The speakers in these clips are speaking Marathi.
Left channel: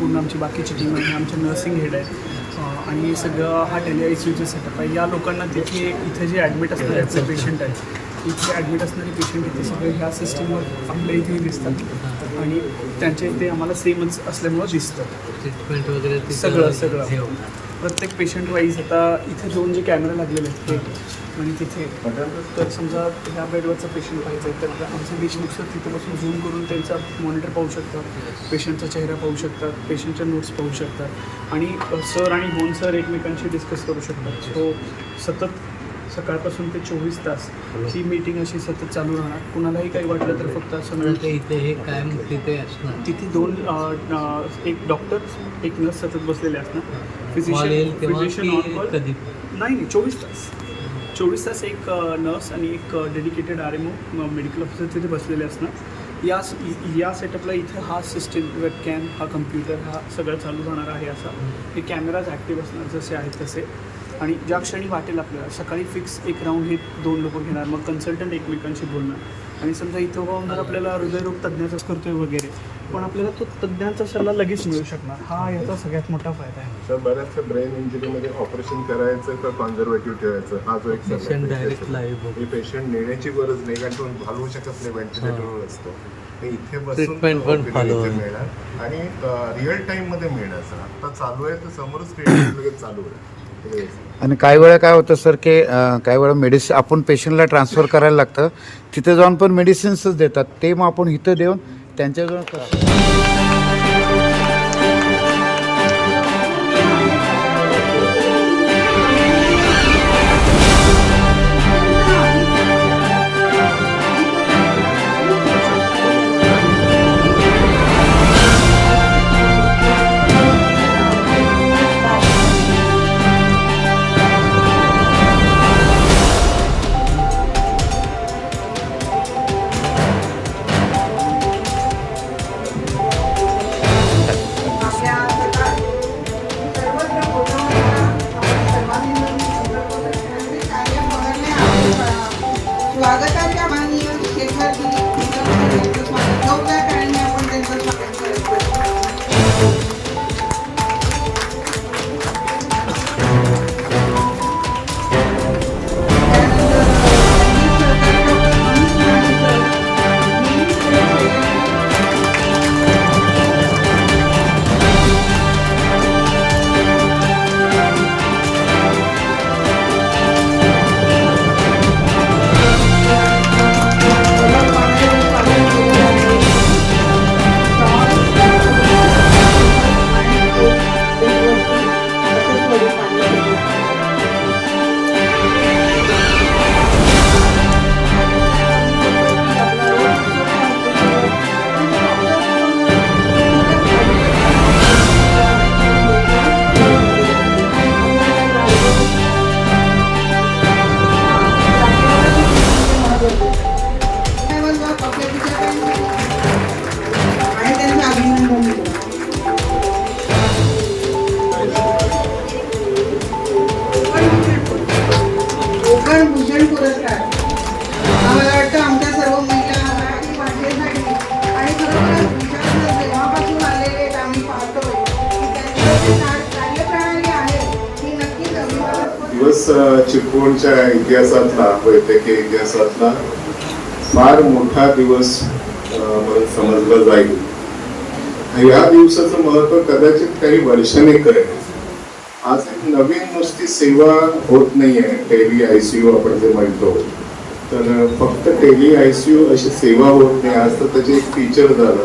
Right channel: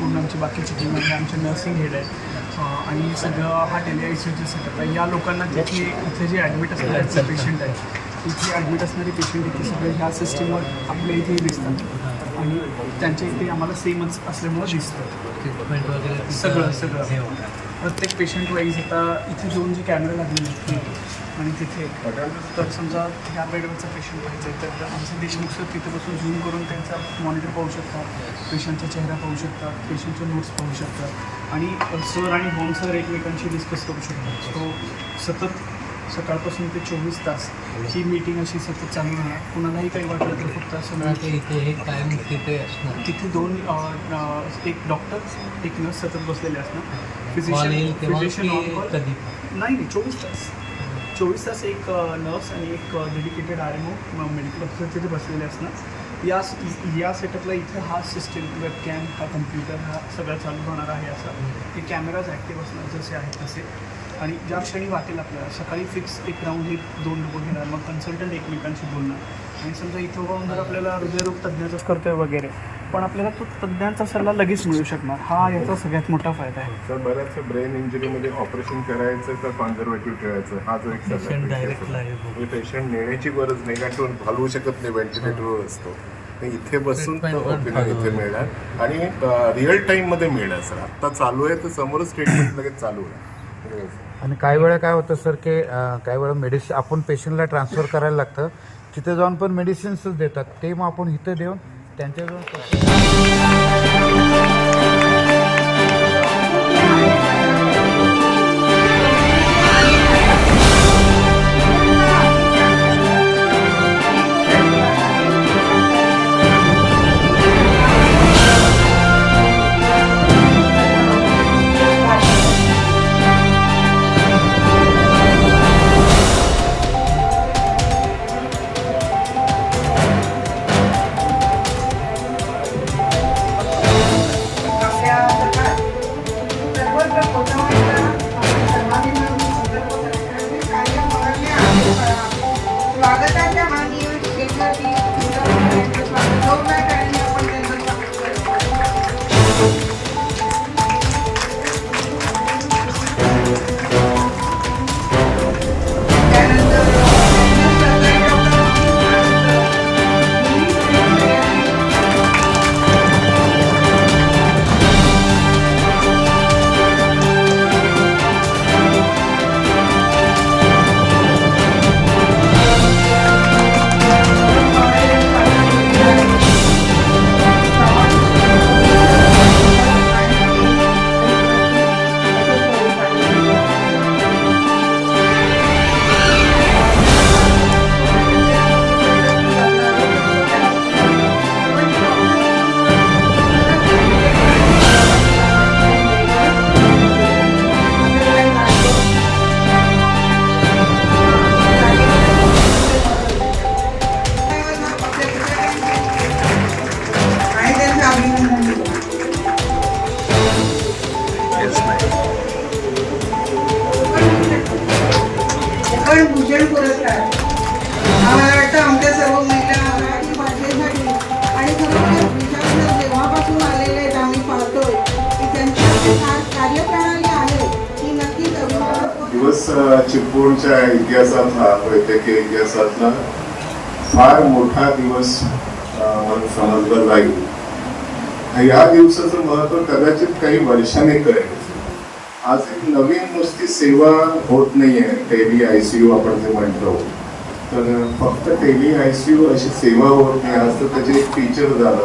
पूर्ण आमची बाकीची टीम आहे आमचे नर्सिंग हेड आहेत. अ, आणि सगळं हा टेली आय सी यूचं सेटअप आहे. या लोकांना तिथे इथे जे ॲडमिट असणारे पेशंट आहेत इथे ॲडमिट असणारे पेशंट इथे सगळे ह्या सिस्टीमवर आपल्या इथे दिसतात. आणि त्यांच्या इथे आम्हाला सेमच असल्यामुळं दिसतं. ट्रीटमेंट वगैरे तिथं सगळं, सगळं. प्रत्येक पेशंट वाईज आता इथे दोन जे कॅमेरे लागलेले आहेत ते आणि तिथे तर समजा ह्या बेडवरचा पेशंट पाहिजे तर आमचे टेक्निक्स तिथे बसून झूम करून त्यांचा मॉनिटर पाहू शकतात पेशंटचा चेहरा पाहू शकतात पेशंटचे नोट्स पाहू शकतात. आणि सर आणि होम सर एकमेकांशी डिस्कस करू शकतात. सो सतत सकाळपासून ते चोवीस तास ही मीटिंग अशी सतत चालू राहणार. कुणालाही काही वाटलं तर फक्त असं इथे हे कायम तिथे असणार. तिथे दोन एक डॉक्टर एक नर्स सतत बसलेले असणार. कॉल येईल तेव्हा physician की on call. कधी? नाही नाही चोवीस तास. चोवीस तास एक नर्स आणि एक dedicated R M O medical officer तिथे बसलेले असणार. या या सेटअपला इथं हा सिस्टीम वेबकॅम हा कम्प्युटर हा सगळं चालू होणार आहे असा. हे कॅमेराज ॲक्टिव्ह असणार जसे आहेत तसे. आणि ज्या क्षणी वाटेल आपल्याला सकाळी फिक्स एक राऊंड हे दोन लोक घेणार मग कन्सल्टंट एकमेकांशी बोलणार. आणि समजा इथं जाऊन जर आपल्याला हृदयरोग तज्ज्ञाचाच करतोय वगैरे पण आपल्याला तो तज्ज्ञांचा सल्ला लगेच मिळू शकणार. हा याचा सगळ्यात मोठा फायदा आहे. तर बऱ्याचशा ब्रेन इंजुरीमध्ये ऑपरेशन करायचं तर कॉन्झर्वेटिव्ह ठेवायचं? हा जो एक पेशंट डायरेक्ट लाईव्ह बघू. पेशंट नेण्याची गरज नाही कारण तो हलवू शकत नाही व्हेंटिलेटरवर असतो. इथे बसून इथे. मिळणार. आणि रिअल टाइममध्ये मिळणार सर. आता चालू आहे तर समोरच ट्रीटमेंट लगेच चालू आहे आणि काही वेळा काय होतं सर की काही वेळा मेडिसिन आपण पेशंटला ट्रान्सफर करायला लागतं. तिथे जाऊन पण मेडिसिन्सच देतात. ते मग आपण इथं देऊन त्यांच्याकडून फार मोठा दिवस म्हणून समजला जाईल. या दिवसाचं महत्त्व कदाचित काही वर्षाने कळेल. आज एक नवीन नुसती सेवा होत नाहीये टेली आयसीयू आपण जे म्हणतो. तर फक्त टेली आयसीयू अशी सेवा होत नाही आज तर त्याचे एक फीचर झालं.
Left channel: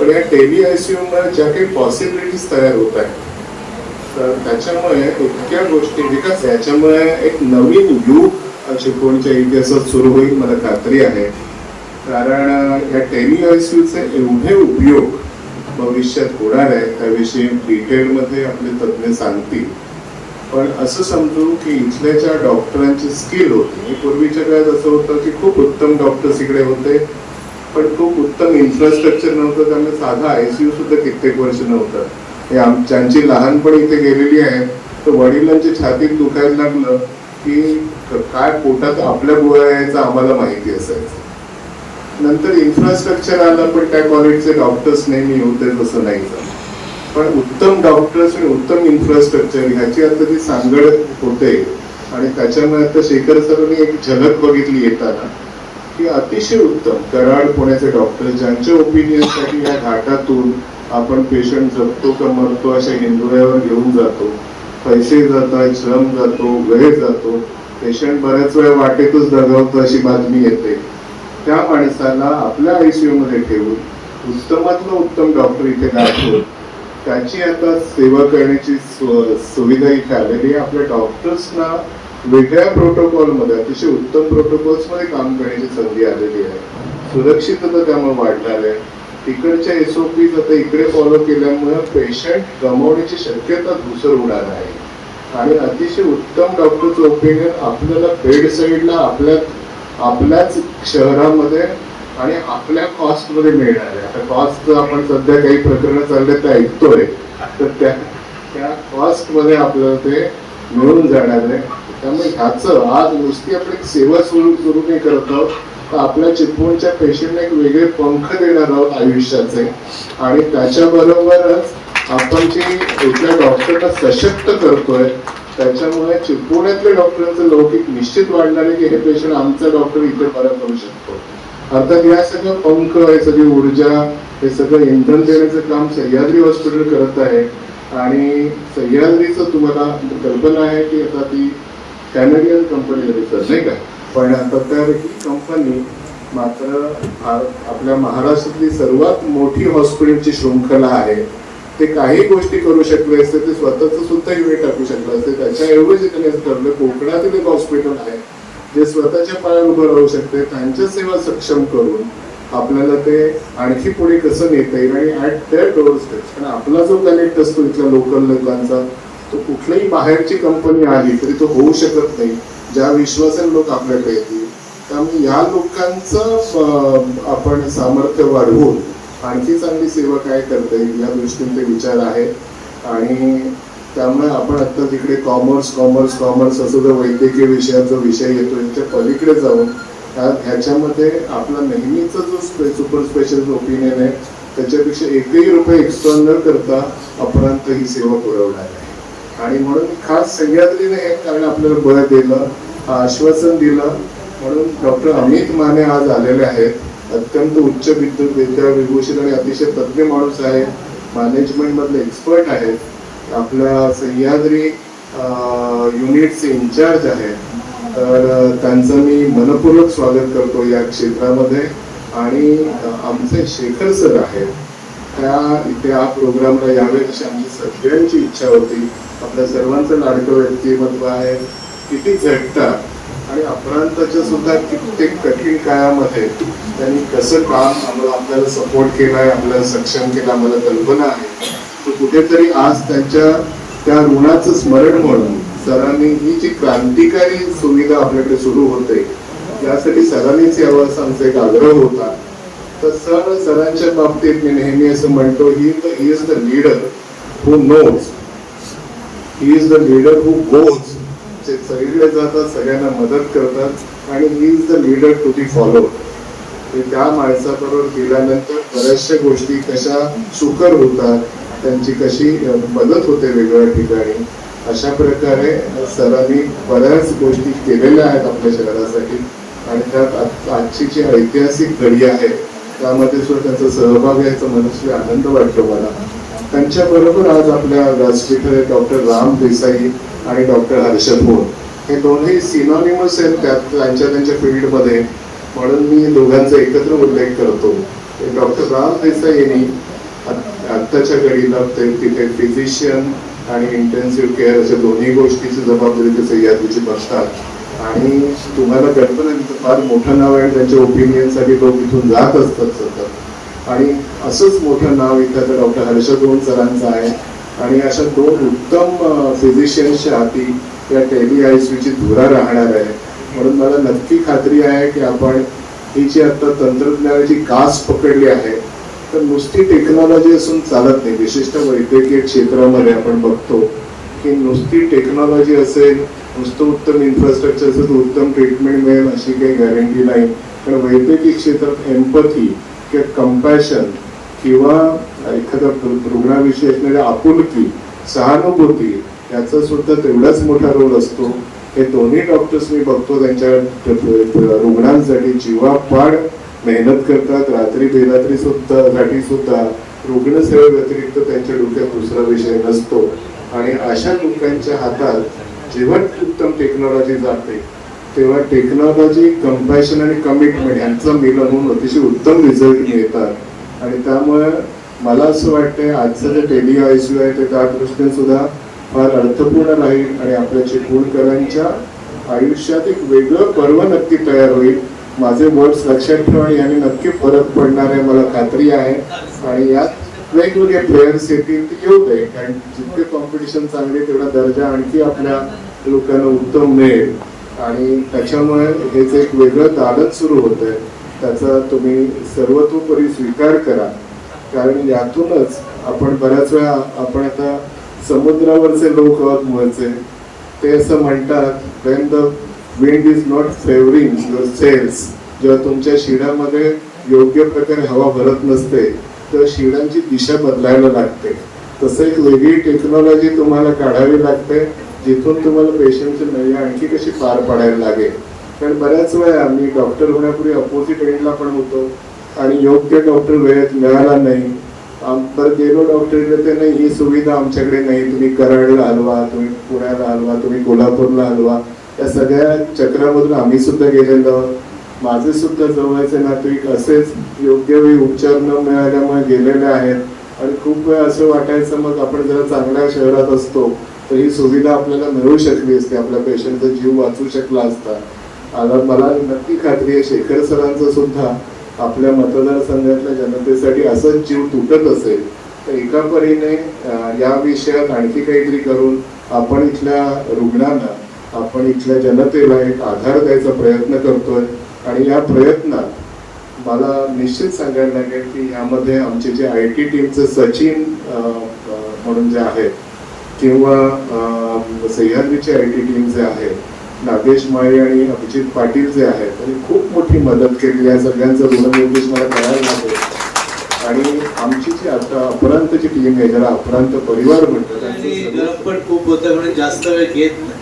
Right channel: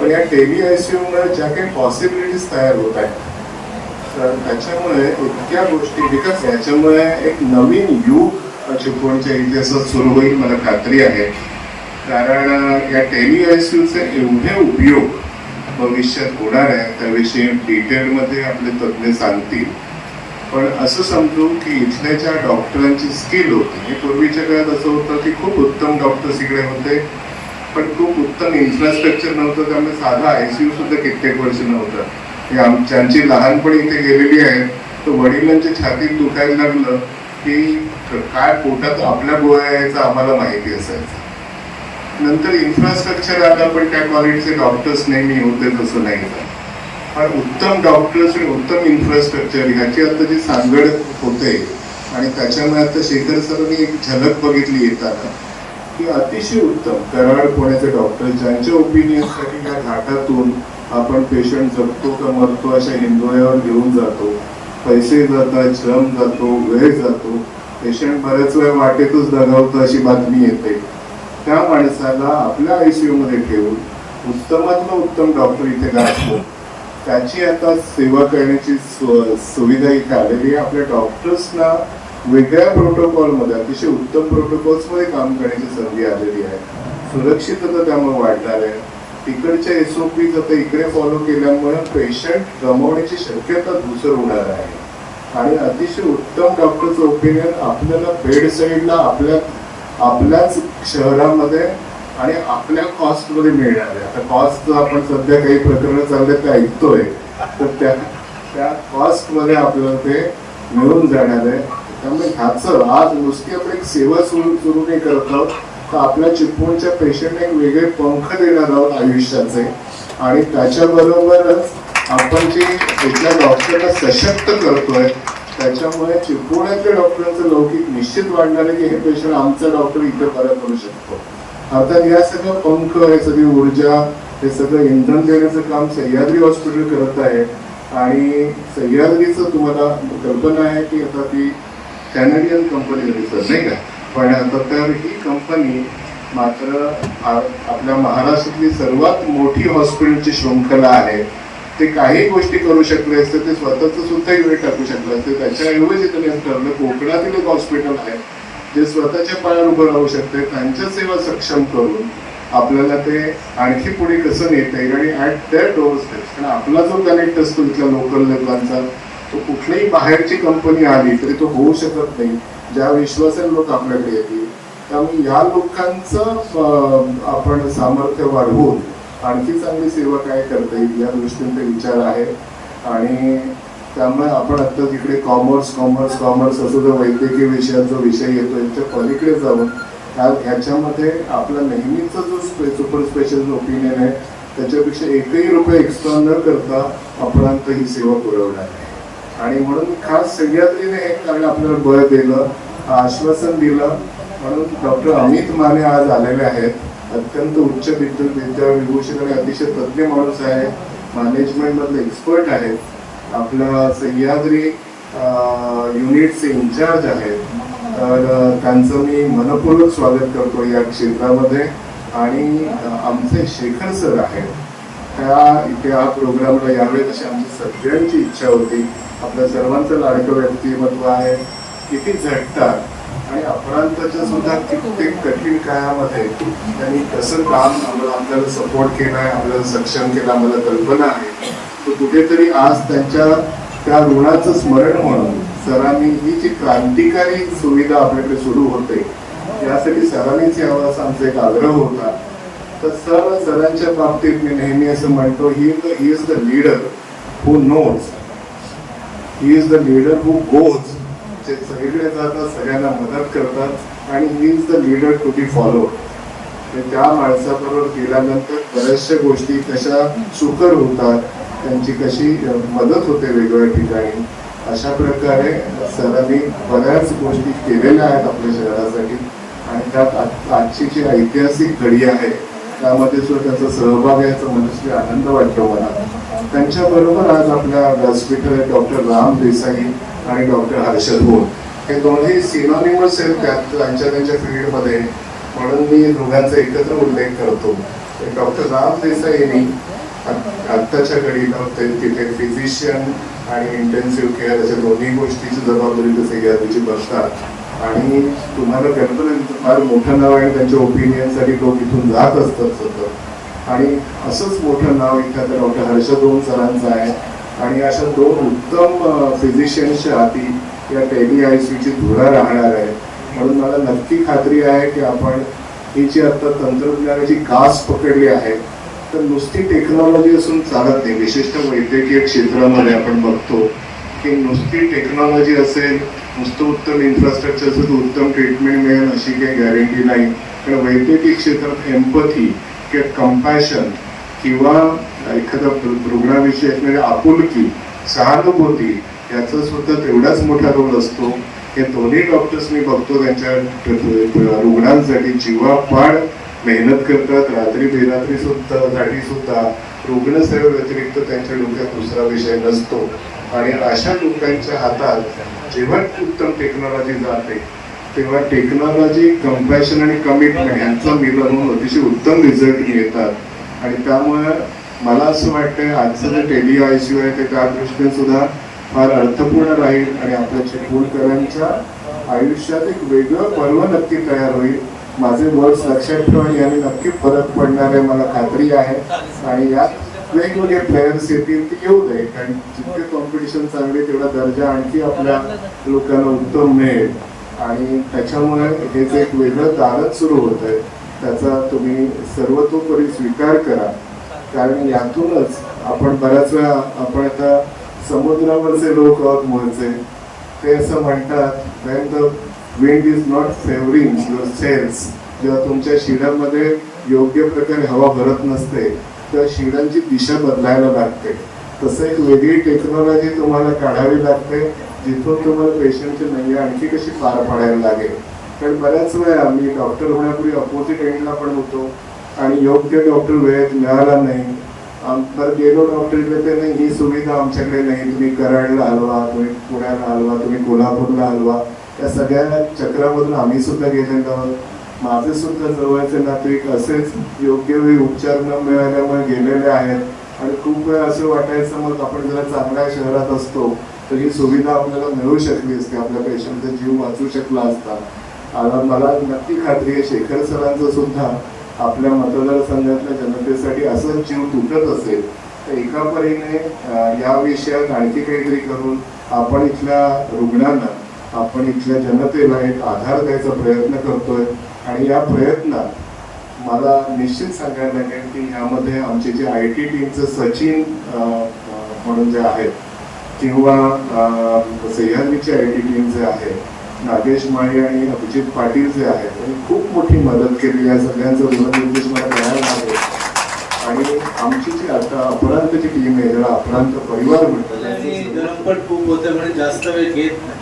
पण या टेली सी मुळे ज्या काही पॉसिबिलिटीज तयार होत आहेत तर त्याच्यामुळे इतक्या गोष्टी विकास याच्यामुळे एक नवीन युग चिपळूणच्या इतिहासात सुरू होईल मला खात्री आहे. कारण या टेली आयसीयूचे एवढे उपयोग भविष्यात होणार आहे त्याविषयी डिटेलमध्ये आपले तज्ज्ञ सांगतील. पण असं समजू की इथल्या ज्या डॉक्टरांची स्किल होती हे पूर्वीच्या काळात असं होतं की खूप उत्तम डॉक्टर्स इकडे होते पण खूप उत्तम इन्फ्रास्ट्रक्चर नव्हतं त्यामुळे साधा आयसीयू सुद्धा कित्येक वर्ष नव्हतं. हे आम ज्यांची लहानपणी इथे गेलेली आहे तर वडिलांच्या छातीत दुखायला लागलं की काय पोटात आपल्या गोळ्या आम्हाला माहिती असायचं नंतर इन्फ्रास्ट्रक्चर आला पण त्या क्वालिटीचे डॉक्टर्स नेहमी होते तसं नाही झालं. पण उत्तम डॉक्टर्स आणि उत्तम इन्फ्रास्ट्रक्चर ह्याची आता जी सांगड होते आणि त्याच्यामुळे आता शेखर सरांनी एक झलक बघितली येताना की अतिशय उत्तम कराड पुण्याचे डॉक्टर ज्यांच्या ओपिनियनसाठी या घाटातून आपण पेशंट जगतो का मरतो अशा हिंदोळ्यावर घेऊन जातो पैसे जातात श्रम जातो वेळ जातो. पेशंट बऱ्याच वेळा वाटेतच दगावतो अशी बातमी येते. त्या माणसाला आपल्या आयसीयू मध्ये ठेवून उत्तमातलं उत्तम डॉक्टर इथे गाठतो त्याची आता सेवा करण्याची सुविधा इथे आलेली आहे. आपल्या डॉक्टर्सना वेगळ्या प्रोटोकॉलमध्ये अतिशय उत्तम प्रोटोकॉल्समध्ये काम करण्याची संधी आलेली आहे. सुरक्षितता त्यामुळे वाढणार आहे. तिकडच्या एसओपी आता इकडे फॉलो केल्यामुळे पेशंट गमावण्याची शक्यता धुसर होणार आहे. आणि अतिशय उत्तम डॉक्टरचं ओपिनियन आपल्याला बेड साईडला आपल्या आपल्याच शहरामध्ये आणि आपल्या कॉस्टमध्ये मिळणार आहे आता कॉस्ट आपण सध्या काही प्रकरण चालले ते ऐकतोय तर त्या त्या कॉस्टमध्ये आपल्याला ते मिळून जाणार आहे. त्यामुळे ह्याचं आज नुसती आपण एक सेवा सुरू सुरू नाही करत आहोत. तर आपल्या चिपळूणच्या पेशंटने एक वेगळे पंख देणार आहोत आयुष्याचे? आणि त्याच्याबरोबरच आपण जे इथल्या डॉक्टरला सशक्त करतोय त्याच्यामुळे चिपळूण्यातल्या डॉक्टरांचं लौकिक निश्चित वाढणार आहे की हे पेशंट आमचा डॉक्टर इथे बरा करू शकतो. अर्थात या सगळं पंख हे सगळी ऊर्जा हे सगळं इंधन देण्याचं काम सह्याद्री हॉस्पिटल करत आहे. आणि सह्याद्रीचं तुम्हाला कल्पना आहे की आता ती कॅनडियन कंपनी नाही का? पण तर ही कंपनी मात्र आपल्या महाराष्ट्रातली सर्वात मोठी हॉस्पिटलची शृंखला आहे. ते काही गोष्टी करू शकले असते ते स्वतःच सुद्धा युनिट टाकू शकले असते. त्याच्याऐवजी त्यांनी ठरवलं कोकणातील एक हॉस्पिटल आहे जे स्वतःच्या पायावर उभं राहू शकते त्यांच्या सेवा सक्षम करून आपल्याला ते आणखी पुढे कसं नेता येईल आणि ऍट देअर डोअर स्टेज कारण आपला जो कनेक्ट असतो इथल्या लोकल लोकांचा तो कुठल्याही बाहेरची कंपनी आली तरी तो होऊ शकत नाही. ज्या विश्वासाने लोक आपल्याकडे येतील त्यामुळे या लोकांचं आपण सामर्थ्य वाढवून आणखी चांगली सेवा काय करता येईल या दृष्टीने विचार आहेत आणि त्यामुळे आपण आता तिकडे कॉमर्स कॉमर्स कॉमर्स असं जो वैद्यकीय विषयांचा विषय येतो यांच्या पलीकडे जाऊन त्या ह्याच्यामध्ये आपला नेहमीचा जो स्पे सुपर स्पेशल ओपिनियन आहे त्याच्यापेक्षा एकही रुपये एक्स्ट्रा न करता अपरांत ही सेवा पुरवणार आहे. आणि म्हणून खास सह्याद्रीने हे कारण आपल्याला बळ दिलं आश्वासन दिलं. म्हणून डॉक्टर अमित माने आज आलेले आहेत. अत्यंत उच्च विद्युत विद्या विभूषित आणि अतिशय तज्ज्ञ माणूस आहे. मॅनेजमेंटमधले एक्सपर्ट आहेत. आपल्या सह्याद्री युनिटचे इन्चार्ज आहेत तर त्यांचं मी मनपूर्वक स्वागत करतो या क्षेत्रामध्ये. आणि आमचे शेखर सर आहेत. त्या इथे हा प्रोग्रामला यावेत अशी आमची सगळ्यांची इच्छा होती आपल्या सर्वांचं लाडकं व्यक्तिमत्व आहे किती झटतात आणि अपरांताच्या सुद्धा कित्येक कठीण काळामध्ये त्यांनी कसं काम आपल्याला सपोर्ट केलाय आपल्याला सक्षम केलं आम्हाला कल्पना आहे. तर कुठेतरी आज त्यांच्या त्या ऋणाचं स्मरण म्हणून सरांनी ही जी क्रांतिकारी सुविधा आपल्याकडे सुरू होते त्यासाठी सरांनीच यावं असा आमचा एक आग्रह होता. तर सर सरांच्या बाबतीत मी नेहमी असं म्हणतो he he is the leader who knows he is the leader who goes जे सगळीकडे जातात सगळ्यांना मदत करतात आणि he is the leader to be follow त्या माणसाबरोबर गेल्यानंतर बऱ्याचशा गोष्टी कशा सुकर होतात त्यांची कशी मदत होते वेगवेगळ्या ठिकाणी अशा प्रकारे सरांनी बऱ्याच गोष्टी केलेल्या आहेत आपल्या शहरासाठी. आणि त्यात आजची जी ऐतिहासिक घडी आहे त्यामध्ये सुद्धा त्यांचा सहभाग आहे याचा मनुष्य आनंद वाटतो मला. त्यांच्या बरोबर आज आपल्या व्यासपीठावर डॉक्टर राम देसाई आणि डॉक्टर हर्षद भोर हे दोन्ही सिनॉनिमस आहेत त्यांच्या त्यांच्या फील्डमध्ये. म्हणून मी दोघांचा एकत्र उल्लेख करतो. डॉक्टर राम देसाई यांनी आत्ताच्या घडीला ते तिथे फिजिशियन आणि इंटेन्सिव्ह केअर अशा दोन्ही गोष्टीची जबाबदारी ते सह्याद्रीची बसतात. आणि तुम्हाला कळतं ना फार मोठं नाव आहे आणि त्यांच्या ओपिनियनसाठी लोक इथून जात असतात सतत. आणि असंच मोठं नाव इथं डॉक्टर हर्षदोन सरांचं आहे. आणि अशा दोन उत्तम फिजिशियन्सच्या हाती त्या टेली आय सीची धुरा राहणार आहे. म्हणून मला नक्की खात्री आहे की आपण ही जी आता तंत्रज्ञानाची कास पकडली आहे तर नुसती टेक्नॉलॉजी असून चालत नाही. विशिष्ट वैद्यकीय क्षेत्रामध्ये आपण बघतो की नुसती टेक्नॉलॉजी असेल नुसतं उत्तम इन्फ्रास्ट्रक्चरचं उत्तम ट्रीटमेंट मिळेल अशी काही गॅरंटी नाही. पण वैद्यकीय क्षेत्रात एम्पथी किंवा कम्पॅशन किंवा एखाद्या रुग्णाविषयी असणारी आपुलकी सहानुभूती याचा सुद्धा तेवढाच मोठा रोल असतो. हे दोन्ही डॉक्टर्स मी बघतो त्यांच्या रुग्णांसाठी जीवापाड मेहनत करतात रात्री बेरात्री सुद्धा साठी सुद्धा. रुग्णसेवे व्यतिरिक्त त्यांच्या डोक्यात दुसरा विषय नसतो. आणि अशा लोकांच्या हातात जेव्हा उत्तम टेक्नॉलॉजी जाते तेव्हा टेक्नॉलॉजी कम्पॅशन आणि कमिटमेंट यांचा मिलन होऊन अतिशय उत्तम रिझल्ट मिळतात. आणि त्यामुळे मला असं वाटतं आजचं जे टेली आय सी आहे ते त्या दृष्टीने सुद्धा फार अर्थपूर्ण राहील आणि आपल्या चिपळूणकरांच्या आयुष्यात एक वेगळं पर्व नक्की तयार होईल. माझे वर्ड्स लक्षात ठेवून यांनी नक्की फरक पडणार आहे मला खात्री आहे. आणि यात वेगवेगळे प्लेयर्स येतील ते घेऊ दे. कारण जितके कॉम्पिटिशन चांगले तेवढा दर्जा आणखी आपल्या लोकांना उत्तम मिळेल. आणि त्याच्यामुळे हे जे एक वेगळं दालन सुरू होत आहे त्याचा तुम्ही सर्वतोपरी स्वीकार करा. कारण यातूनच आपण बऱ्याच वेळा आपण आता समुद्रावरचे लोक आहोत मूळचे. ते असं म्हणतात when the wind is not favouring your sails जेव्हा तुमच्या शिड्यामध्ये योग्य प्रकारे हवा भरत नसते तर शिड्यांची दिशा बदलायला लागते. तसं एक वेगळी टेक्नॉलॉजी तुम्हाला काढावी लागते जिथून तुम्हाला पेशंटची नय्या आणखी कशी पार पाडायला लागेल. कारण बऱ्याच वेळा मी डॉक्टर होण्यापूर्वी अपोजिट एंडला पण होतो आणि योग्य डॉक्टर वेळेत मिळाला नाही. तर गेलो डॉक्टरकडे ते नाही ही सुविधा आमच्याकडे नाही. तुम्ही कराडला हलवा तुम्ही पुण्याला हलवा तुम्ही कोल्हापूरला हलवा. या सगळ्या चक्रामधून आम्ही सुद्धा गेलेलो. आहोत माझे सुद्धा जवळचे नातेवाईक असेच योग्य वेळी उपचार न मिळाल्यामुळे गेलेले आहेत. आणि खूप वेळ असं वाटायचं मग आपण जरा चांगल्या शहरात असतो तर ही सुविधा आपल्याला मिळू शकली असते. आपल्या पेशंटचा जीव वाचू शकला असता. आता मला नक्की खात्री आहे शेखर सरांचं सुद्धा आपल्या मतदारसंघातल्या जनतेसाठी असंच जीव तुटत असेल तर एका परीने या विषयात आणखी काहीतरी करून आपण इथल्या रुग्णांना आपण इथल्या जनतेला एक आधार द्यायचा प्रयत्न करतोय. आणि या प्रयत्नात मला निश्चित सांगायला लागेल की यामध्ये आमचे जे आय टी टीमचे सचिन म्हणून जे आहेत किंवा सह्याद्रीचे आय टी टीम जे आहे नागेश माळी आणि अभिजित पाटील जे आहेत त्यांनी खूप मोठी मदत केली. या सगळ्यांचा ऋणनिर्देश मला करायला लागेल. आणि आमची जी आता अपरांतची टीम आहे ज्याला अपरांत परिवार म्हणतात खूप होतं म्हणून जास्त वेळ घेत नाही.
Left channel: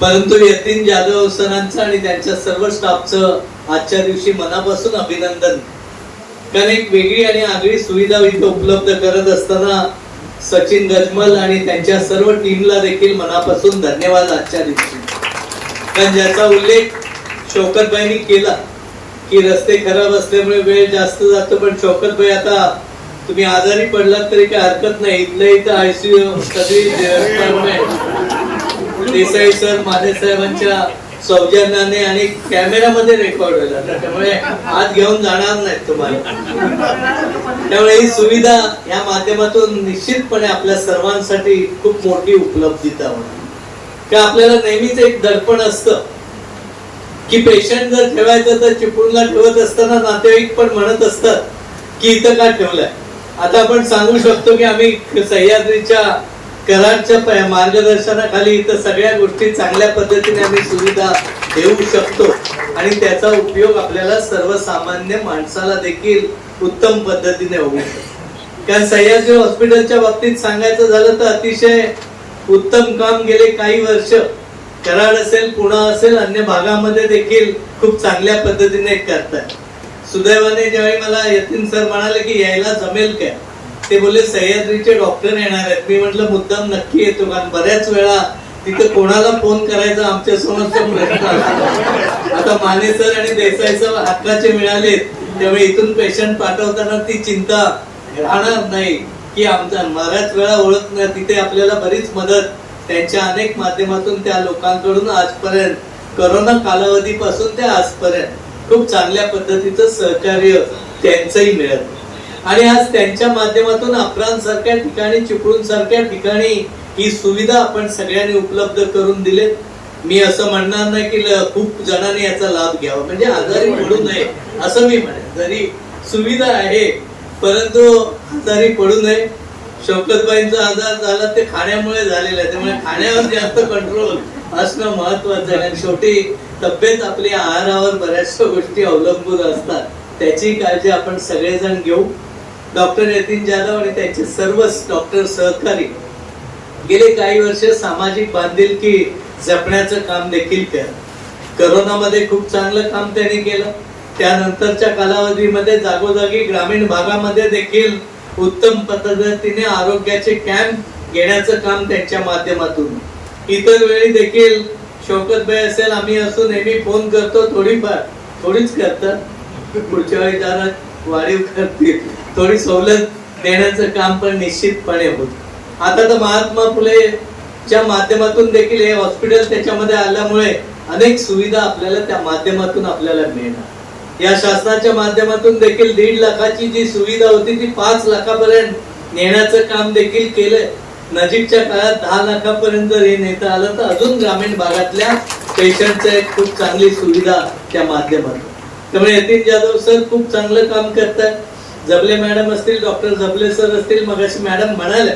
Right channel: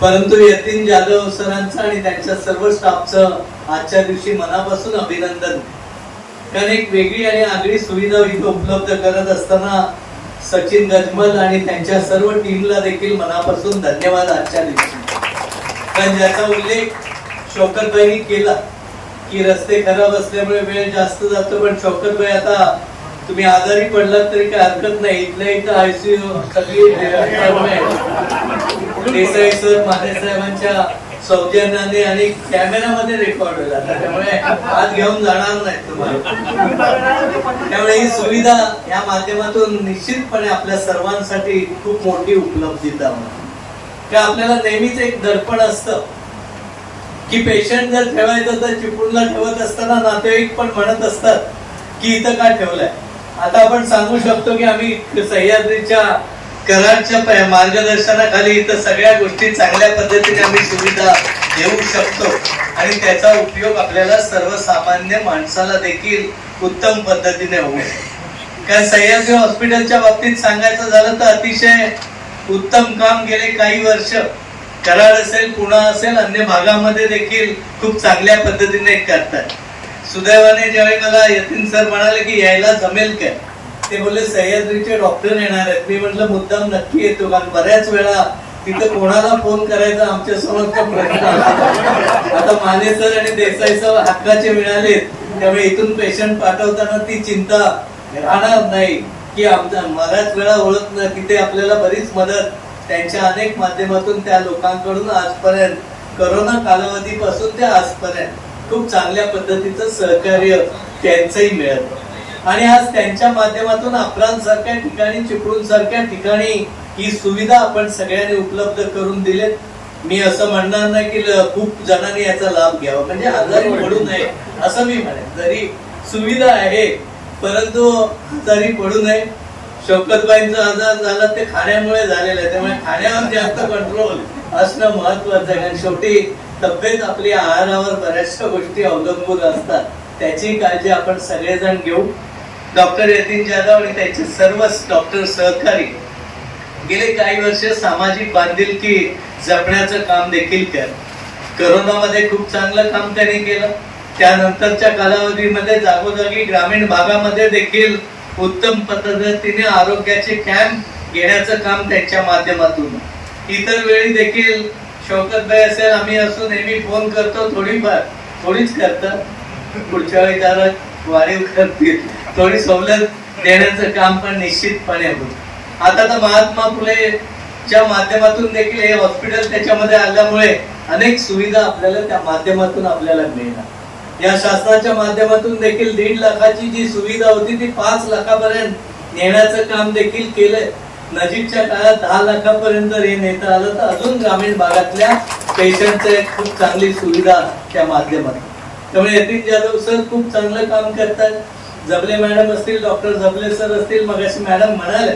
परंतु यतीन जाधव सरांचं आणि त्यांच्या सर्व स्टाफचं आजच्या दिवशी मनापासून अभिनंदन. कारण एक वेगळी आणि आगळी सुविधा इथं उपलब्ध करत असताना सचिन गजमल आणि त्यांच्या सर्व टीमला देखील मनापासून धन्यवाद आजच्या दिवशी. कारण ज्याचा उल्लेख शौकतबाईंनी केला की रस्ते खराब असल्यामुळे वेळ जास्त जातो पण शौकतबाई आता तुम्ही आजारी पडलात तरी काही हरकत नाही. इथल्या इथं आयसीयू सगळी. देसाई सर माने साहेबांच्या सौजन्याने आणि कॅमेरामध्ये रेकॉर्ड होईल त्यामुळे आत घेऊन जाणार नाहीत तुम्हाला. त्यामुळे ही सुविधा या माध्यमातून निश्चितपणे आपल्या सर्वांसाठी खूप मोठी उपलब्धता का आपल्याला नेहमीच एक दडपण असतं की पेशंट जर ठेवायचं तर चिपळूणला ठेवत असताना नातेवाईक पण म्हणत असतात की इथं का ठेवलंय? आता आपण सांगू शकतो की आम्ही सह्याद्रीच्या कलांच्या मार्गदर्शनाखाली इथं सगळ्या गोष्टी चांगल्या पद्धतीने आम्ही सुविधा देऊ शकतो. आणि त्याचा उपयोग आपल्याला सर्वसामान्य माणसाला देखील उत्तम पद्धतीने होऊ शकतो. कारण सह्याद्री हॉस्पिटलच्या बाबतीत सांगायचं झालं तर अतिशय उत्तम काम गेले काही वर्ष. कराड असेल पुणा असेल अन्य भागामध्ये देखील खूप चांगल्या पद्धतीने करतात. सुदैवाने ज्यावेळी मला यतीन सर म्हणाले की यायला जमेल काय? ते बोलले सह्याद्रीचे डॉक्टर येणार आहेत. मी म्हटलं मुद्दाम नक्की येतो कारण बऱ्याच वेळा तिथं कोणाला फोन करायचा आमच्या समोरचा प्रश्न आता माने सर आणि देसाई सर हक्काचे मिळाले त्यामुळे इथून पेशंट पाठवताना ती चिंता राहणार नाही की आमचा बऱ्याच वेळा ओळख नाही तिथे आपल्याला बरीच मदत त्यांच्या अनेक माध्यमातून त्या लोकांकडून आजपर्यंत करोना कालावधीपासून ते आजपर्यंत खूप चांगल्या पद्धतीचं सहकार्य त्यांचंही मिळत. आणि आज त्यांच्या माध्यमातून अप्राण ठिकाणी चिपळूण सारख्या ठिकाणी ही सुविधा आपण सगळ्यांनी उपलब्ध करून दिलेत. मी असं म्हणणार नाही की खूप जणांनी याचा लाभ घ्यावा. म्हणजे आजारी पडू नये असं मी म्हणेन. जरी सुविधा आहे परंतु आजारी पडू नये. शौकतबाईंचा आजार झाला ते खाण्यामुळे झालेला आहे. त्यामुळे खाण्यावर जास्त कंट्रोल असणं महत्वाचं आहे. आणि शेवटी तब्येत आपली आहारावर बऱ्याचशा गोष्टी अवलंबून असतात. त्याची काळजी आपण सगळेजण घेऊ. डॉक्टर यतीन जाधव आणि त्यांचे सर्वच डॉक्टर सहकारी गेले काही वर्ष सामाजिक बांधिलकी जपण्याचं काम देखील केलं. करोनामध्ये खूप चांगलं काम त्यांनी केलं. त्यानंतरच्या कालावधीमध्ये जागोजागी ग्रामीण भागामध्ये देखील उत्तम पद्धतीने आरोग्याचे कॅम्प घेण्याचं काम त्यांच्या माध्यमातून. इतर वेळी देखील शौकतबाई असेल आम्ही असून नेहमी फोन करतो थोडीफार थोडीच करतात. पुढच्या वेळी जरा वाढीव करतील थोडी सवलत देण्याचं काम पण निश्चितपणे होत. आता तर महात्मा फुलेच्या माध्यमातून देखील हे हॉस्पिटल त्याच्यामध्ये आल्यामुळे अनेक सुविधा आपल्याला त्या माध्यमातून आपल्याला मिळणार. या शासनाच्या माध्यमातून देखील दीड लाखाची जी सुविधा होती ती पाच लाखापर्यंत नेण्याचं काम देखील केलंय. नजीकच्या काळात दहा लाखापर्यंत हे नेता आलं तर अजून ग्रामीण भागातल्या पेशंटचं एक खूप चांगली सुविधा त्या माध्यमातून त्यामुळे यतीन जाधव सर खूप चांगलं काम करतात जबले मॅडम असतील डॉक्टर जबले सर असतील मगाशी मॅडम म्हणाल्या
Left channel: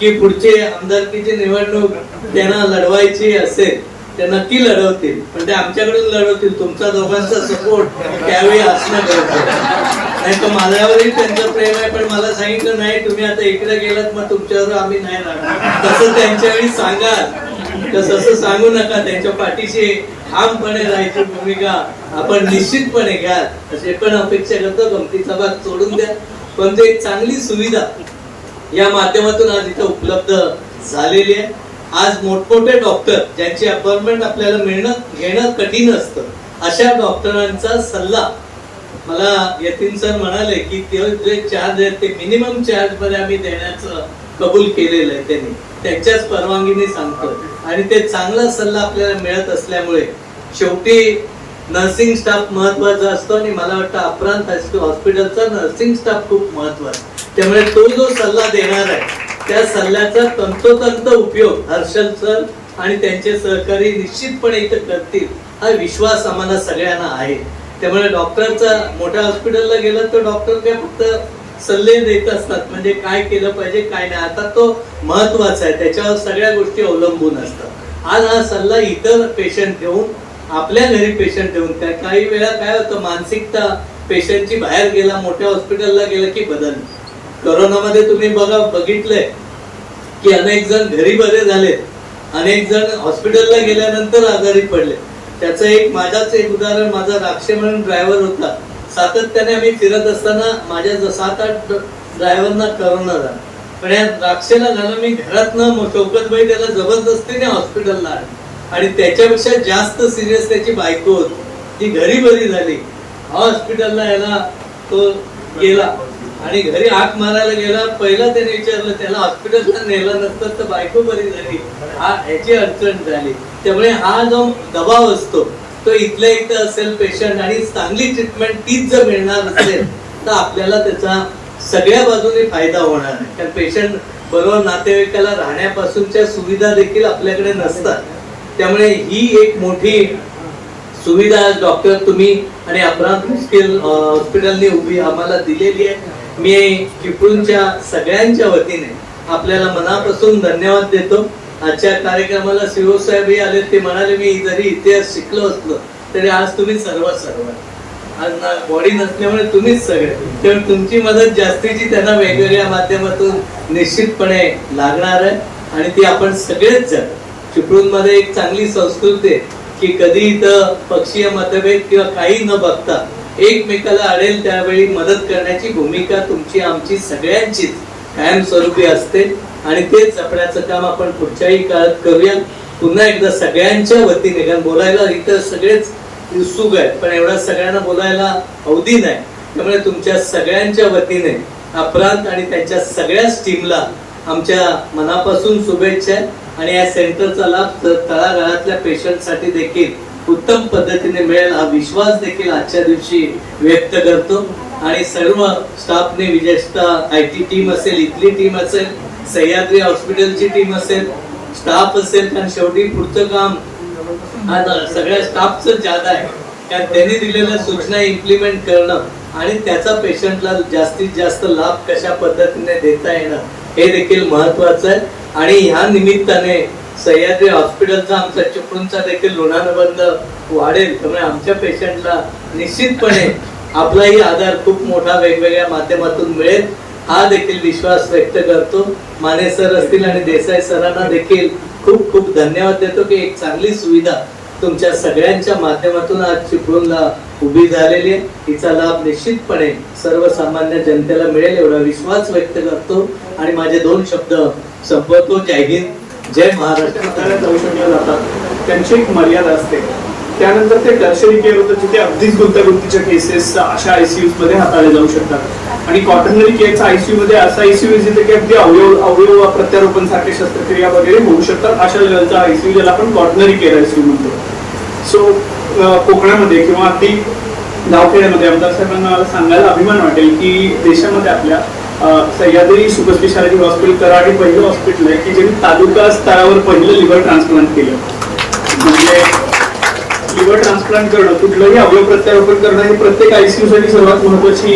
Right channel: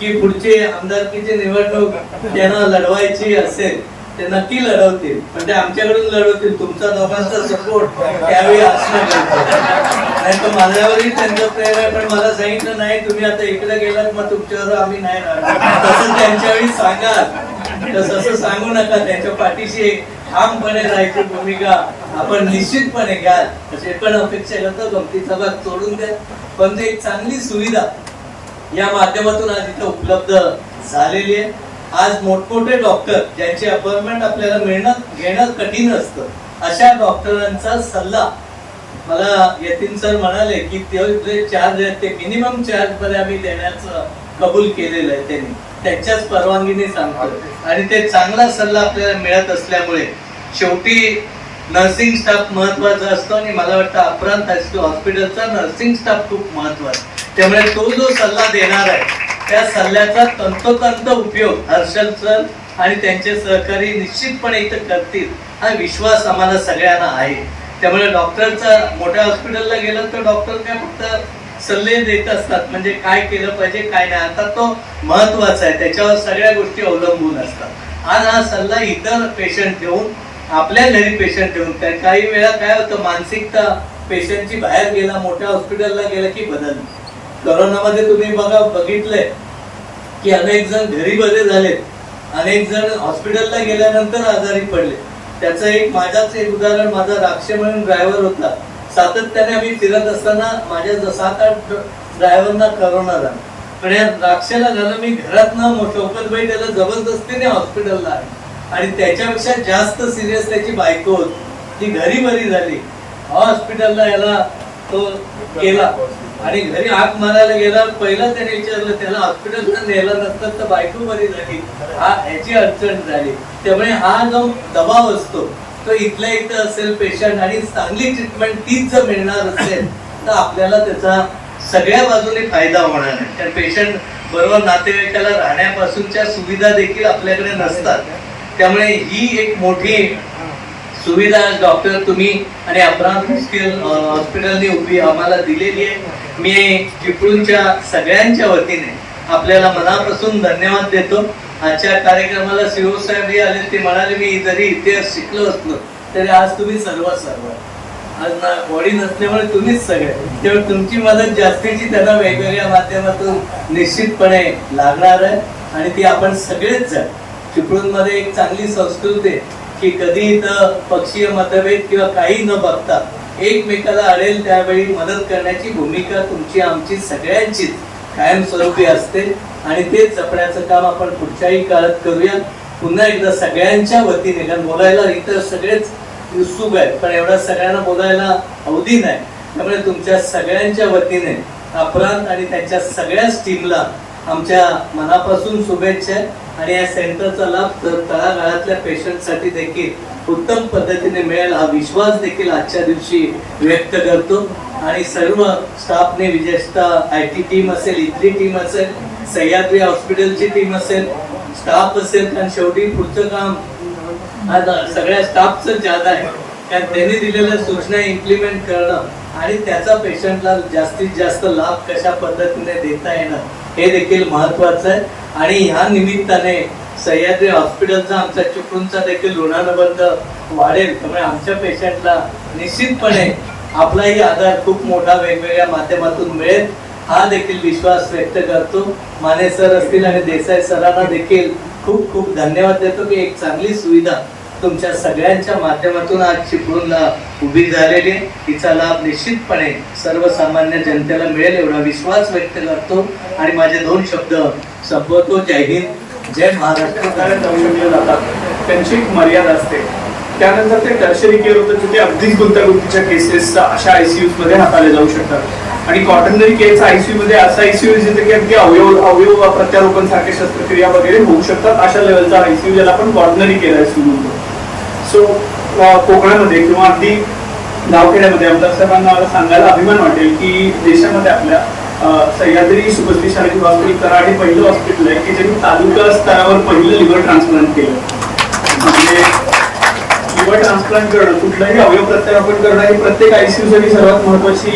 की पुढची आमदारकीची निवडणूक त्यांना लढवायची असेल ते नक्की लढवतील. पण ते आमच्याकडून लढवतील. तुमचा दोघांचा सपोर्ट त्यावेळी असणं गरजेचं नाही तर माझ्यावरही त्यांचं प्रेम आहे पण मला सांगितलं नाही तुम्ही आता इकडे गेलात मग तुमच्यावर आम्ही नाही राहणार. तसं त्यांच्या वेळी सांगा. तसं सांगू नका त्यांच्या पाठीशी ठामपणे राहायची भूमिका आपण निश्चितपणे घ्या असे पण अपेक्षा करतो गमतीचा भाग सोडून द्या. पण ते एक चांगली सुविधा या माध्यमातून आज इथं उपलब्ध झालेली आहे. आज मोठमोठे डॉक्टर ज्यांची अपॉइंटमेंट आपल्याला मिळणं घेणं कठीण असतं अशा डॉक्टरांचा सल्ला मला यतीन सर म्हणाले की ते चार्ज आहेत ते मिनिमम चार्जमध्ये आम्ही देण्याचं कबूल केलेलं आहे त्यांनी. त्यांच्याच परवानगीने सांगतो आणि ते चांगला सल्ला आपल्याला मिळत असल्यामुळे शेवटी नर्सिंग स्टाफ महत्त्वाचा असतो आणि मला वाटतं अप्रांत हॉस्पिटलचा नर्सिंग स्टाफ खूप महत्त्वाचा. त्यामुळे तो जो सल्ला देणार आहे त्या सल्ल्याचा तंतोतंत उपयोग हर्षल सर आणि त्यांचे सहकारी निश्चितपणे इथं करतील हा विश्वास आम्हाला सगळ्यांना आहे. त्यामुळे डॉक्टरचा मोठ्या हॉस्पिटलला गेलं तर डॉक्टर काय फक्त सल्ले देत असतात. म्हणजे काय केलं पाहिजे काय नाही. आता तो महत्त्वाचा आहे. त्याच्यावर सगळ्या गोष्टी अवलंबून असतात. आज हा सल्ला इतर पेशंट ठेवून आपल्या घरी पेशंट ठेवून त्या काही वेळा काय होतं मानसिकता पेशंटची बाहेर गेला मोठ्या हॉस्पिटलला गेला की बदल. करोनामध्ये तुम्ही बघा बघितलंय की अनेक जण घरी बरे झाले. अनेक जण हॉस्पिटलला गेल्यानंतर आजारी पडले. त्याचं एक माझाच एक उदाहरण माझा राक्षे म्हणून ड्रायव्हर होता. सातत्याने आम्ही फिरत असताना माझ्या सात आठ ड्रायव्हरना करोना झाला. पण या राक्षेला झालं मी घरात न शौकतबाई त्याला जबरदस्तीने हॉस्पिटलला आणलं. आणि त्याच्यापेक्षा जास्त सिरियस त्याची बायको होती. ती घरी बरी झाली. हॉस्पिटलला याला तो गेला. आणि घरी हाक मारायला गेला. पहिला त्याने विचारलं त्याला हॉस्पिटलला नेलं नसतं तर बायको बरी झाली. हा ह्याची अडचण झाली. त्यामुळे हा जो दबाव असतो तो इथल्या इथं असेल पेशंट आणि चांगली ट्रीटमेंट तीच जर मिळणार असेल तर आपल्याला त्याचा सगळ्या बाजूने फायदा होणार आहे. कारण पेशंट बरोबर नातेवाईकाला राहण्यापासूनच्या सुविधा देखील आपल्याकडे नसतात. त्यामुळे ही एक मोठी सुविधा डॉक्टर तुम्ही आणि अपराध हॉस्पिटल हॉस्पिटलने उभी आम्हाला दिलेली आहे. मी चिपळूणच्या सगळ्यांच्या वतीने आपल्याला मनापासून धन्यवाद देतो. आजच्या कार्यक्रमाला सीओ साहेब हे आले ते म्हणाले मी जरी इतिहास शिकलो असलो तरी आज तुम्ही सर्व सर्व आज ना बॉडी नसल्यामुळे तुम्हीच सगळे. त्यामुळे तुमची मदत जास्तीची त्यांना वेगवेगळ्या माध्यमातून निश्चितपणे लागणार आहे. आणि ती आपण सगळेच जण. चिपळूणमध्ये एक चांगली संस्कृती आहे की कधी इथं पक्षीय मतभेद किंवा काही न बघता एकमेकाला अडेल त्यावेळी मदत करण्याची भूमिका तुमची आमची सगळ्यांचीच. कायमस्वरूपी असते. आणि ते जपण्याचं काम आपण पुढच्याही काळात करूया. पुन्हा एकदा सगळ्यांच्या वतीने कारण बोलायला इतर सगळेच उत्सुक आहेत पण एवढा सगळ्यांना बोलायला अवधी नाही. त्यामुळे तुमच्या सगळ्यांच्या वतीने अपरांत आणि त्यांच्या सगळ्याच टीमला आमच्या मनापासून शुभेच्छा आहे. आणि या सेंटरचा लाभ तळागाळातल्या पेशंटसाठी देखील उत्तम पद्धतीने मिळेल हा विश्वास देखील आजच्या दिवशी व्यक्त करतो. आणि सर्व स्टाफने विशेषतः आय टी टीम असेल इथली टीम असेल सह्याद्री हॉस्पिटलची टीम असेल स्टाफ असेल कारण शेवटी पुढचं काम आज सगळ्या स्टाफचं जादा आहे. कारण त्यांनी दिलेल्या सूचना इम्प्लिमेंट करणं आणि त्याचा पेशंटला जास्तीत जास्त लाभ कशा पद्धतीने देता येणं हे देखील महत्वाचं आहे. आणि ह्या निमित्ताने सह्याद्री हॉस्पिटलचा आमचा चिपळूणचा देखील ऋणानुबंध वाढेल. त्यामुळे आमच्या पेशंटला निश्चितपणे आपलाही आधार खूप मोठा वेगवेगळ्या माध्यमातून मिळेल. हा देखील विश्वास व्यक्त करतो. माने सर असतील आणि देसाई सरांना देखील खूप खूप धन्यवाद देतो की एक चांगली सुविधा तुमच्या सगळ्यांच्या माध्यमातून आज चिपळूणला उभी झालेली तिचा लाभ निश्चितपणे सर्वसामान्य जनतेला मिळेल एवढा विश्वास व्यक्त करतो. आणि माझे दोन शब्द संपवतो. जय हिंद. जय महाराष्ट्र. त्यांची एक मर्यादा असते. त्यानंतर ते टर्शरी केअर होतं तिथे अगदीच गुंतागुंतीच्या केसेस अशा आयसीयू मध्ये हाताळले जाऊ शकतात. आणि कॉटनरी केअरचा आयसीयू मध्ये असा आयसीयू जिथे की अगदी अवयव अवयव प्रत्यारोपण सारख्या शस्त्रक्रिया वगैरे होऊ शकतात. अशा लेवलचा आयसीयू ज्याला आपण कॉटनरी केअर आयसीयू म्हणतो. सो कोकणामध्ये किंवा अगदी गावखेड्यामध्ये आमदार साहेबांना सांगायला अभिमान वाटेल की देशामध्ये आपल्या Sahyadri super speciality hospital Karad हे पहिलं हॉस्पिटल आहे की ज्यांनी तालुका स्तरावर पहिलं लिव्हर ट्रान्सप्लांट केलं. म्हणजे लिव्हर ट्रान्सप्लांट करणं कुठलंही अवयव प्रत्यारोपण करणं ही प्रत्येक आयसीयू साठी सर्वात महत्वाची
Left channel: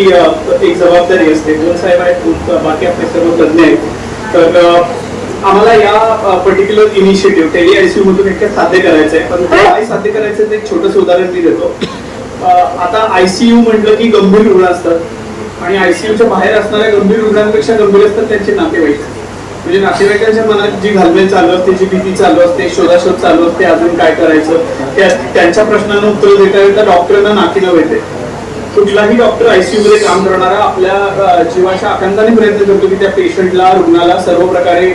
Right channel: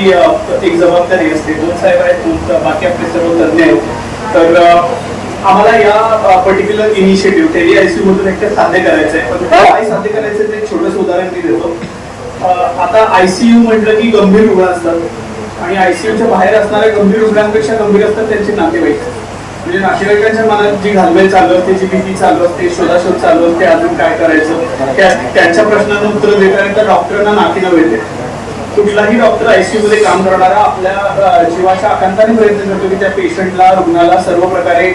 एक जबाबदारी असते. दोन साहेब आहेत खूप बाकी आपले सर्व तज्ञ आहेत. तर आम्हाला या पर्टिक्युलर इनिशिएटिव्ह टेली आयसीयू मधून एक साध्य करायचं आहे. पण काय साध्य करायचं ते एक छोटंसं उदाहरण मी देतो. आता आयसीयू म्हटलं की गंभीर रुग्ण असतात. आणि आयसीयूच्या बाहेर असणाऱ्या गंभीर रुग्णांपेक्षा गंभीर असतात त्यांचे नातेवाईक. म्हणजे नातेवाईकांच्या मनात जी घालमेल चालू असते जी भीती चालू असते शोधाशोध चालू असते अजून काय करायचं त्या त्यांच्या प्रश्नांना उत्तर देता देता डॉक्टरांना नाकीनव येते. कुठलाही डॉक्टर आयसीयू मध्ये काम करणारा आपल्या जीवाच्या आकांताने प्रयत्न करतो की त्या पेशंटला रुग्णाला सर्व प्रकारे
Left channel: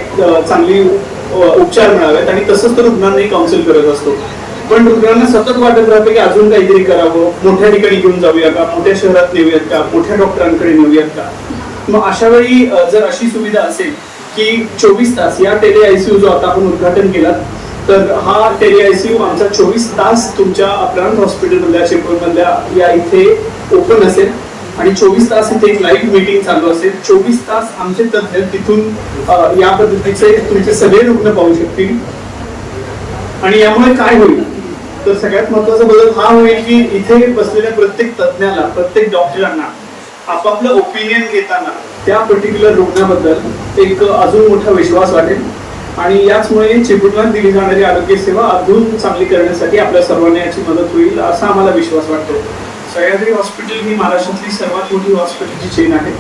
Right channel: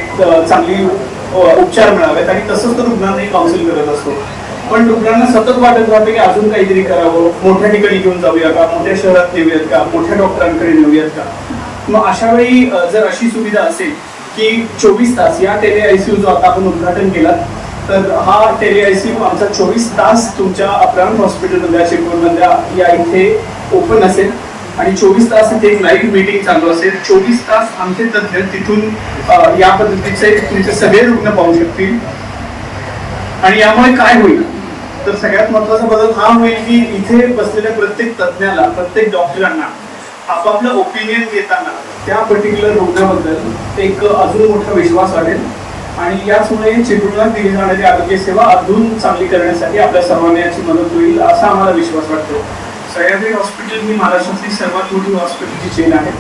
चांगली उपचार मिळावेत आणि तसंच तर रुग्णांनाही काउन्सिल करत असतो. पण रुग्णांना सतत वाटत राहतं की अजून काहीतरी करावं. मोठ्या ठिकाणी घेऊन जाऊया का? मोठ्या शहरात नेऊयात का? मोठ्या डॉक्टरांकडे नेऊयात का? मग अशा वेळी जर अशी सुविधा असेल की चोवीस तास या टेली आयसीयू जो आता आपण उद्घाटन केला तर हा टेली आयसीयू आमचा चोवीस तास तुमच्या अपरांत हॉस्पिटलमधल्या चिपळूणमधल्या या इथे ओपन असेल. आणि चोवीस तास इथे एक लाईव्ह मीटिंग चालू असेल. चोवीस तास आमचे तज्ञ तिथून या पद्धतीचे तुमचे सगळे रुग्ण पाहू शकतील. आणि यामुळे काय होईल? तर सगळ्यात महत्त्वाचा बदल हा होईल की इथे बसलेल्या प्रत्येक तज्ञाला प्रत्येक डॉक्टरांना आपापलं ओपिनियन घेताना त्या पर्टिक्युलर रुग्णाबद्दल एक अजून मोठा विश्वास वाटेल. आणि याचमुळे चिपळूणात दिली जाणारी आरोग्य सेवा अजून चांगली करण्यासाठी आपल्या सर्वांना याची मदत होईल असा आम्हाला विश्वास वाटतो सह्याद्री हॉस्पिटल ही महाराष्ट्रातली सर्वात मोठी हॉस्पिटलची चेन आहे.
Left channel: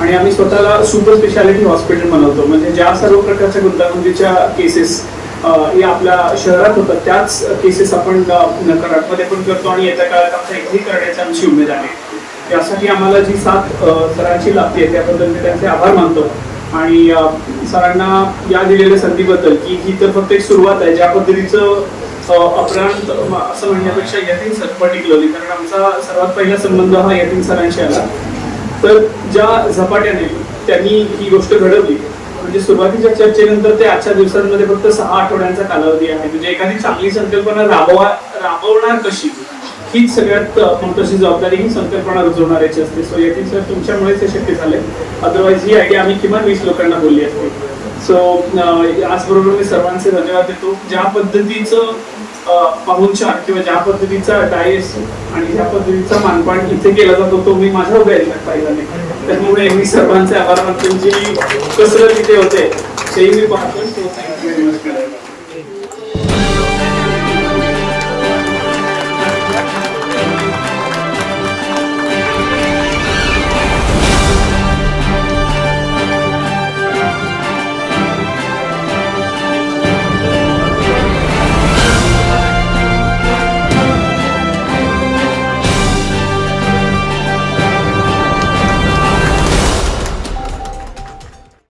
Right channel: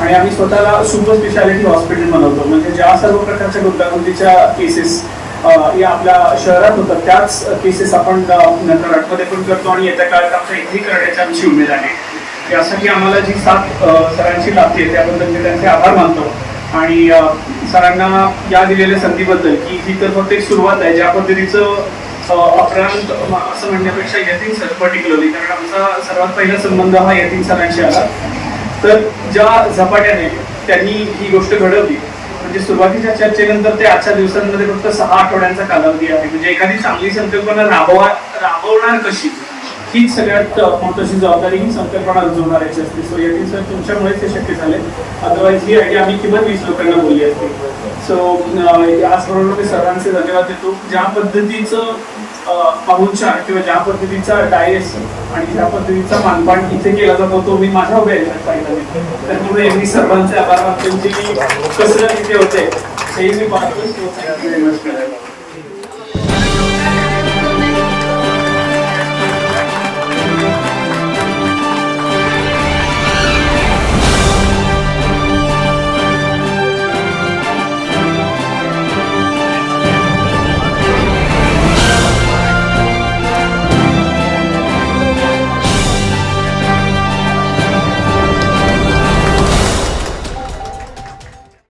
आणि आम्ही स्वतःला सुपर स्पेशालिटी हॉस्पिटल बनवतो. म्हणजे ज्या सर्व प्रकारच्या गुंतागुंतीच्या केसेस या आपल्या शहरात होतात त्याच केसेस आपण कराडमध्ये पण करतो. आणि येत्या काळात आमच्या इथेही करण्याची आमची उमेद आहे. यासाठी आम्हाला जी साथ सरांची लागते त्याबद्दल मी त्यांचे आभार मानतो. आणि सरांना या दिलेल्या संधीबद्दल की ही तर फक्त एक सुरुवात आहे ज्या पद्धतीचं अपरांत असं म्हणण्यापेक्षा यतीन सर पर्टिक्युलरली कारण आमचा सर्वात पहिला संबंध हा यतीन सरांशी आला. तर ज्या झपाट्याने त्यांनी ही गोष्ट घडवली म्हणजे सुरुवातीच्या चर्चेनंतर ते आजच्या दिवसांमध्ये फक्त सहा आठवड्यांचा कालावधी आहे. म्हणजे एखादी चांगली संकल्पना राबवा राबवणार कशी? हीच सगळ्यात मोठीशी जबाबदारी ही संकल्पना रुजवणाऱ्याची असते. सो यातील सर तुमच्यामुळेच हे शक्य झाले अदरवाईज ही आयडिया आम्ही किमान वीस लोकांना बोलली असते. सो आजबरोबर मी सर्वांचे धन्यवाद देतो. ज्या पद्धतीचं पाहुणचार किंवा ज्या पद्धतीचा डायस आणि ज्या पद्धतीचा मानपान इथे केला जातो तो मी माझ्या उभ्या पाहिजे. त्यामुळे मी सर्वांचे आभार मानतो. जी कसरत इथे होते ते मी पाहतो. Thank you very much